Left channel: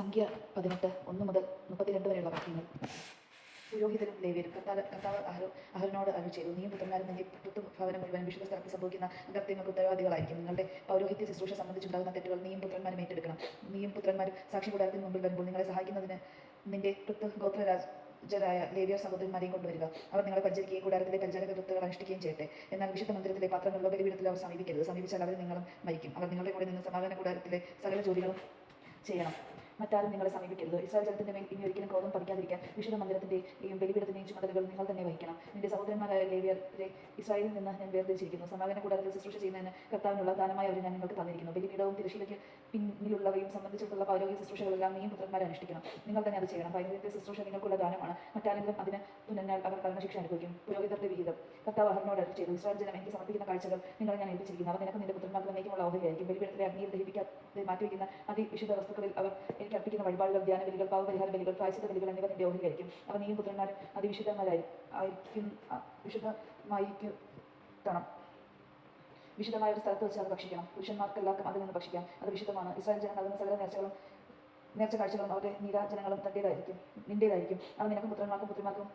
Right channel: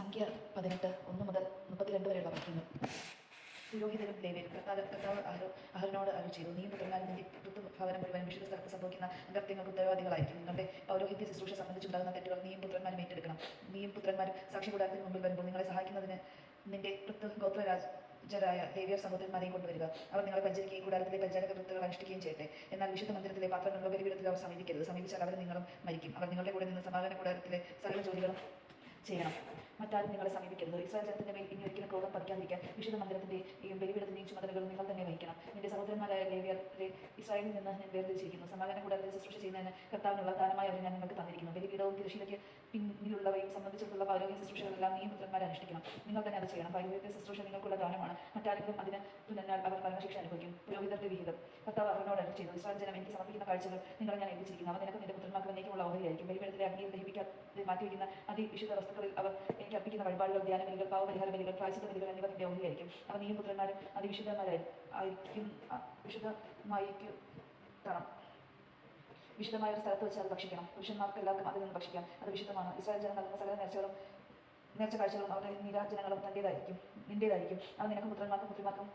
സംഖ്യ 18 1 മുതൽ 32 വരെയുള്ള വാക്യങ്ങൾ. പുരോഹിതരും ലേവ്യരും കർത്താവ് അഹരോനോട് അരുളി ചെയ്തു, നീയും പുത്രന്മാരും നിന്റെ ഭവനം മുഴുവൻ വിശുദ്ധ സ്ഥലത്ത് സംഭവിക്കുന്ന അകൃത്യങ്ങൾക്ക് ഉത്തരവാദികളായിരിക്കും. നിങ്ങളുടെ പൗരോഹിത്യ ശുശ്രൂഷ സംബന്ധിച്ചുണ്ടാകുന്ന തെറ്റുകൾ നീയും പുത്രന്മാരും ഏറ്റെടുക്കണം. നീയും പുത്രന്മാരും സാക്ഷി കൂടാരത്തിന് മുമ്പിൽ വരുമ്പോൾ നിങ്ങളെ സഹായിക്കുന്നതിന് നിന്റെ ഗോത്രരാജരായ ലേവ്യർ സഹോദരന്മാരെയും കൊണ്ടുവരിക. അവർ നിങ്ങളെ പരിചരിക്കുകയും കൂടാരത്തിലെ പരിചാരക വൃത്തികൾ അനുഷ്ഠിക്കുകയും ചെയ്യട്ടെ. എന്നാൽ വിശുദ്ധ മന്ദിരത്തിലെ പാത്രങ്ങളിലോ ബലിപീഠത്തിൽ അവർ സമീപിക്കരുത്. സമീപിച്ചാൽ അവരും നിങ്ങളും മരിക്കും. അവർ നിങ്ങളുടെ കൂടെ നിന്ന് സമാധാന കൂടാരത്തിലെ സകല ജോലികളും ചെയ്യണം. മറ്റാരും നിങ്ങളെ സമീപിക്കരുത്. ഇസ്രായേൽ ജനത്തിന്റെ മേൽ ഇനി ഒരിക്കലും ക്രോധം പതിക്കാതിരിക്കാൻ വിശുദ്ധ മന്ദിരത്തിന്റെയും ബലിപീഠത്തിന്റെയും ചുമതലകൾ നിങ്ങൾ തന്നെ വഹിക്കണം. നിന്റെ സഹോദരന്മാരായ ലേവ്യരെ ഇസ്രായേലിൽ നിന്ന് ഞാൻ വേർതിരിച്ചിരിക്കുന്നു. സമാധാന കൂടാരത്തിൽ ശുശ്രൂഷ ചെയ്യുന്നതിന് കർത്താവിനുള്ള ദാനമായി അവരെ ഞാൻ നിങ്ങൾക്ക് തന്നിരിക്കുന്നു. ബലിപീഠവും തിരശ്ശീലയ്ക്ക് പിന്നിലുള്ളവയും സംബന്ധിച്ചിട്ടുള്ള പൗരോഹിത്യ ശുശ്രൂഷകളെല്ലാം നീയും പുത്രന്മാരെ അനുഷ്ഠിക്കണം. നിങ്ങൾ തന്നെ അത് ചെയ്യണം. പൗരോഹിത്യ ശുശ്രൂഷ നിങ്ങൾക്കുള്ള ദാനമാണ്. മറ്റാരെങ്കിലും അതിന് തുന്നൽ അവർ മരണശിക്ഷ അനുഭവിക്കും. പുരോഹിതരുടെ വിഹിതം. കർത്താവ് അഹരോനോട് അരുളി ചെയ്തു, ഇസ്രായേൽ ജനം എനിക്ക് സമർപ്പിക്കുന്ന കാഴ്ചകൾ നിങ്ങൾ ഞാൻ ഏൽപ്പിച്ചിരിക്കുന്നു. അവർ നിനക്കും നിന്റെ പുത്രന്മാർക്ക് എന്നേക്കുമുള്ള ഓഹരിയായിരിക്കും. ബലിപീഠത്തിലെ അഗ്നിയിൽ ദഹിപ്പിക്കാതെ മാറ്റിവെക്കുന്ന അതിവിശുദ്ധ വസ്തുക്കളിൽ അവർ എനിക്ക് അർപ്പിക്കുന്ന വഴിപാടുകൾ, ധ്യാന ബലികൾ, പാവപരിഹാര ബലികൾ, പ്രായശ്ചിത്ത ബലികൾ എന്നിവ നിന്റെ ഓഹരിയായിരിക്കും. അവ നീയും പുത്രന്മാരും വിശുദ്ധമായ ഒരു സ്ഥലത്ത് വെച്ച് അത് ഭക്ഷിക്കണം. പുരുഷന്മാർക്കെല്ലാവർക്കും അതിൽ നിന്ന് ഭക്ഷിക്കാം. അത് വിശുദ്ധമാണ്. ഇസ്രായേൽ ജനം നൽകുന്ന സകല നേർച്ച കാഴ്ചകളും അവരുടെ നീരാജനങ്ങളും നിന്റേതായിരിക്കും. അവ നിനക്കും പുത്രന്മാർക്കും പുത്രിമാർക്കും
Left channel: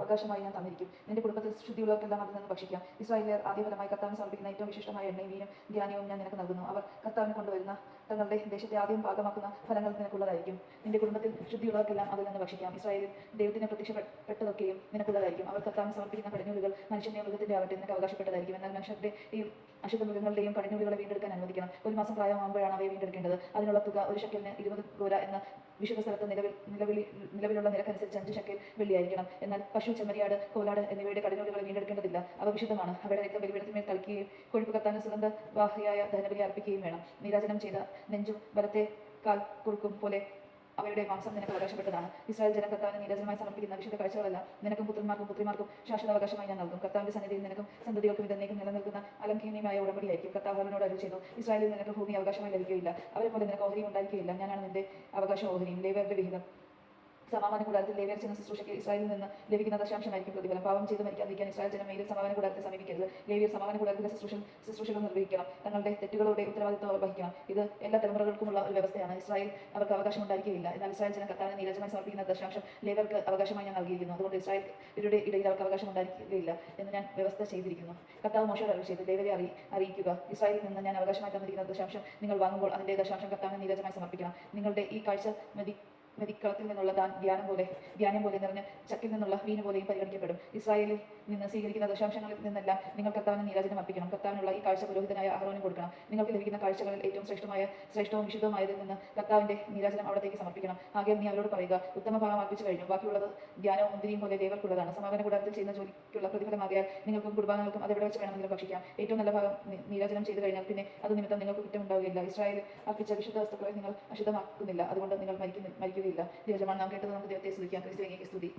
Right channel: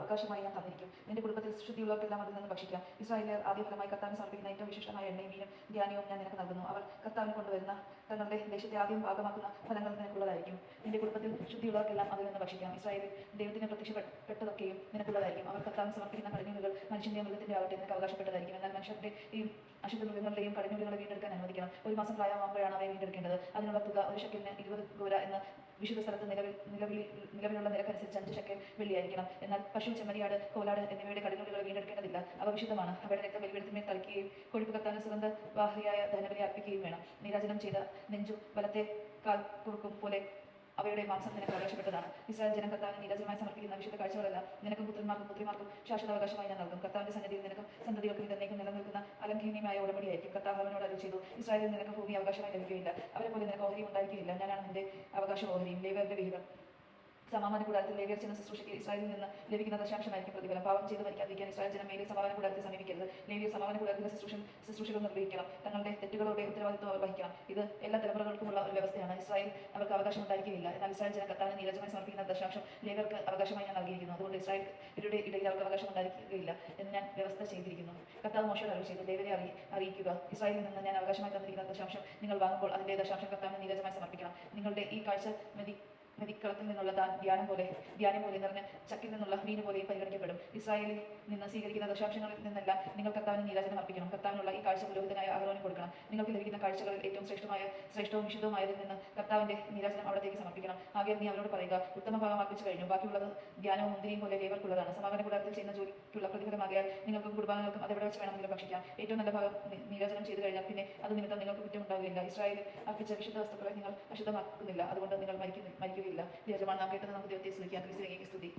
അവകാശമായി ഞാൻ തന്നിരിക്കും. നിന്റെ കുടുംബത്തിൽ ശുദ്ധിയുള്ളവർക്കെല്ലാം അതിൽ നിന്ന് ഭക്ഷിക്കാം. ഇസ്രായേലിയർ ആദ്യപരമായി കർത്താവിന് സമർപ്പിക്കുന്ന ഏറ്റവും വിശിഷ്ടമായ എണ്ണയും വീനും ധ്യാനവും ഞാൻ നിനക്ക് നൽകുന്നു. അവർ കർത്താവിന് കൊണ്ടുവരുന്ന തങ്ങളുടെ ദേശത്തെ ആദ്യം ഭാഗമാക്കുന്ന ഫലങ്ങൾ നിനക്കുള്ളതായിരിക്കും. നിന്റെ കുടുംബത്തിൽ ശുദ്ധിയുള്ളവർക്കെല്ലാം അതിൽ നിന്ന് ഭക്ഷിക്കാം. ഇസ്രായേലിൽ ദൈവത്തിന് പ്രത്യക്ഷപ്പെട്ടതൊക്കെയും നിനക്കുള്ളതായിരിക്കും. അവർ കർത്താവിന് സമർപ്പിക്കുന്ന പടഞ്ഞൂലുകൾ മനുഷ്യന്റെ മൃഗത്തിന്റെ ആവട്ടെ നിനക്ക് അവകാശപ്പെട്ടതായിരിക്കും. എന്നാൽ മനുഷ്യരുടെയും അശുദ്ധ മൃഗങ്ങളുടെയും പടഞ്ഞൂലുകളെ വീണ്ടെടുക്കാൻ അനുവദിക്കണം. 1 മാസം പ്രായമാകുമ്പോഴാണ് അവയെ വീണ്ടെടുക്കേണ്ടത്. അതിനുള്ള തുക 1 ഷെക്കലിന് 20 ഗോര എന്ന വിശുദ്ധ സ്ഥലത്ത് നിലവിലുള്ള നിരക്കനുസരിച്ച് 5 ഷെക്കൽ വെള്ളിയായിരിക്കണം. എന്നാൽ പശു, ചെമ്മരിയാട്, കോലാട് എന്നിവയുടെ കടിഞ്ഞൂലുകളെ വീണ്ടെടുക്കേണ്ടതില്ല. അവ വിശുദ്ധമാണ്. അവയുടെ രക്തം ബലിപീഠത്തിന്മേൽ തളിക്കുകയും കൊഴുപ്പ് കത്താനും സുഗന്ധവാഹിയായ ദഹനബലി അർപ്പിക്കുകയും വേണം. നീരാജനം ചെയ്ത നെഞ്ചും വലത്തെ കാൽക്കുറുക്കും പോലെ അവയുടെ മാംസം നിനക്ക് അവകാശപ്പെട്ടതാണ്. ഇസ്രായേൽ ജനം കർത്താവിന് നീരാജനമായി സമർപ്പിക്കുന്ന വിശുദ്ധ കാഴ്ചകളെല്ലാം നിനക്കും പുത്രന്മാർക്കും പുത്രിമാർക്കും ശാശ്വതാവകാശമായി ഞാൻ നൽകും. കർത്താവിന്റെ സന്നിധിയിൽ നിനക്കും സന്തതികൾക്കും ഇതെന്നേക്കും നിലനിൽക്കുന്ന അലംഘനീയമായ ഉടമ്പടിയായിരിക്കും. കർത്താവ് അവനോട് അരുളി ചെയ്തു, ഇസ്രായേലിൽ നിനക്ക് ഭൂമി അവകാശമായി ലഭിക്കുകയില്ല. അവരെ പോലെ നിനക്ക് ഓഹരിയും ഉണ്ടായിരിക്കുകയില്ല. ഞാനാണ് നിന്റെ അവകാശം ഓഹരിയും. ലേവ്യരുടെ വിഹിതം. സമാധാന കൂടാരത്തിൽ ലേവ്യർ ചെയ്യുന്ന ശുശ്രൂഷയ്ക്ക് ഇസ്രായേലിൽ നിന്ന് ലഭിക്കുന്ന ദശാംശമായിരിക്കും പ്രതിഫലം. പാപം ചെയ്ത് മരിക്കാതിരിക്കാൻ ഇസ്രായേൽ ജനം മേലിൽ സമാധാന കൂടാരത്തെ സമീപിക്കരുത്. ലേവ്യർ സമാധാന കൂടാരത്തിന്റെ ശുശ്രൂഷകൾ നിർവഹിക്കണം. തങ്ങളുടെ തെറ്റുകളുടെ ഉത്തരവാദിത്വം അവർ വഹിക്കണം. ഇത് എല്ലാ തലമുറകൾക്കുമുള്ള ഒരു വ്യവസ്ഥയാണ്. ഇസ്രായേൽ അവർക്ക് അവകാശം ഉണ്ടായിരിക്കുകയില്ല. എന്നാൽ ഇസ്രായേൽ ജനം കർത്താവിന് നീരാജനമായി സമർപ്പിക്കുന്ന ദശാംശം ലേവ്യർക്ക് അവകാശമായി ഞാൻ നൽകിയിരിക്കുന്നു. അതുകൊണ്ട് ഇസ്രായേലിന്റെ ഇടയിൽ അവർക്ക് അവകാശം ഉണ്ടായിരിക്കുകയില്ല എന്ന് ഞാൻ വ്യവസ്ഥ ചെയ്തിരിക്കുന്നു. കർത്താവ് മോശയോട് അരുളി ചെയ്തു, ലേവ്യരെ അറിയിക്കുക, ഇസ്രായേലിൽ നിന്ന് ഞാൻ അവകാശമായി തന്നിരിക്കുന്ന ദശാംശം നിങ്ങൾ വാങ്ങുമ്പോൾ അതിന്റെ ദശാംശം കർത്താവിന് നീരാജനമായി സമർപ്പിക്കണം. നിങ്ങളുടെ ഈ കാഴ്ച മെതിക്കളത്തിൽ നിന്നുള്ള ധ്യാനം പോലെ നിറഞ്ഞ ചക്കിൽ നിന്നുള്ള വീന പോലെയും പരിഗണിക്കപ്പെടും. ഇസ്രായേലിൽ നിന്ന് സ്വീകരിക്കുന്ന ദശാംശങ്ങളിൽ നിന്നെല്ലാം നിങ്ങൾ കർത്താവിന് നീരാജനം അർപ്പിക്കണം. കർത്താവിനുള്ള ഈ കാഴ്ച പുരോഹിതനായ അഹരോന് കൊടുക്കണം. നിങ്ങൾക്ക് ലഭിക്കുന്ന കാഴ്ചകളിൽ ഏറ്റവും ശ്രേഷ്ഠവും വിശുദ്ധവുമായതിൽ നിന്ന് കർത്താവിന്റെ നീരാജനം അവിടത്തേക്ക് സമർപ്പിക്കണം. ആകെ നീ അവരോട് പറയുക, ഉത്തമ ഭാഗം അർപ്പിച്ചു കഴിഞ്ഞു, ബാക്കിയുള്ളത് ധ്യാനവും മുന്തിരിയും പോലെ ലേവർക്കുള്ളതാണ്. സമാധാന കൂടാരത്തിൽ ചെയ്യുന്ന ജോലിക്കുള്ള പ്രതിഫലമാകിയാൽ നിങ്ങൾക്കും കുടുംബാംഗങ്ങൾക്കും അതെവിടെ വെച്ച് വേണമെങ്കിലും ഭക്ഷിക്കാം. ഏറ്റവും നല്ല ഭാഗം നീരാജനം ചെയ്തു കഴിഞ്ഞാൽ പിന്നെ അത് നിമിത്തം നിങ്ങൾക്ക് കുറ്റം ഉണ്ടാവുകയില്ല. ഇസ്രായേൽ അർപ്പിച്ച വിശുദ്ധ വസ്തുക്കളെ നിങ്ങൾ അശുദ്ധമാക്കുന്നില്ല, അതുകൊണ്ട് നിങ്ങൾ മരിക്കുകയില്ല. ദൈവജനമാണ് നാം കേട്ടത്. നമുക്ക് ദൈവത്തെ സ്തുതിക്കാം. ക്രിസ്തുവിനെ സ്തുതി.